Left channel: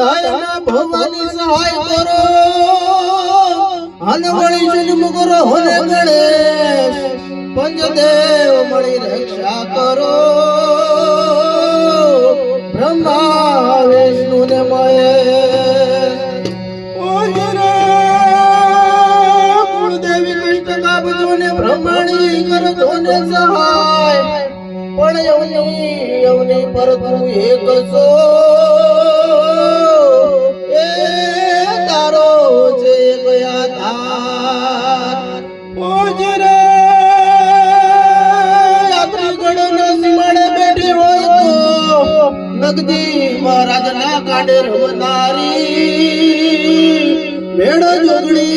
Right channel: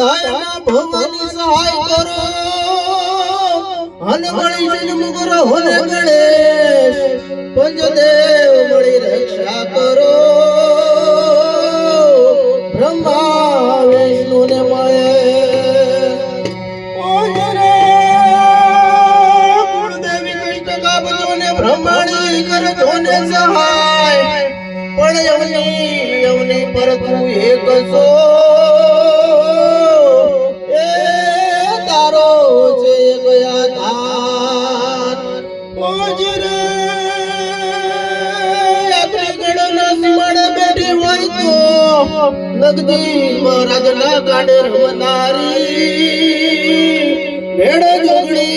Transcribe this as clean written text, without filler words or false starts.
धायमा भवानी सहाय करो हन गणेश मुगर होने गणेश पंचदेव मणि रक्षा करो ब्रह्मा विष्णु ने महेश कुलदेवी कष्ट काबजो ने ब्रह्माणी कर जोने सहाय पण यवनी पर तू एक सो नगदी महाराज ना काढे रमनारी भेड़ जोगड़ी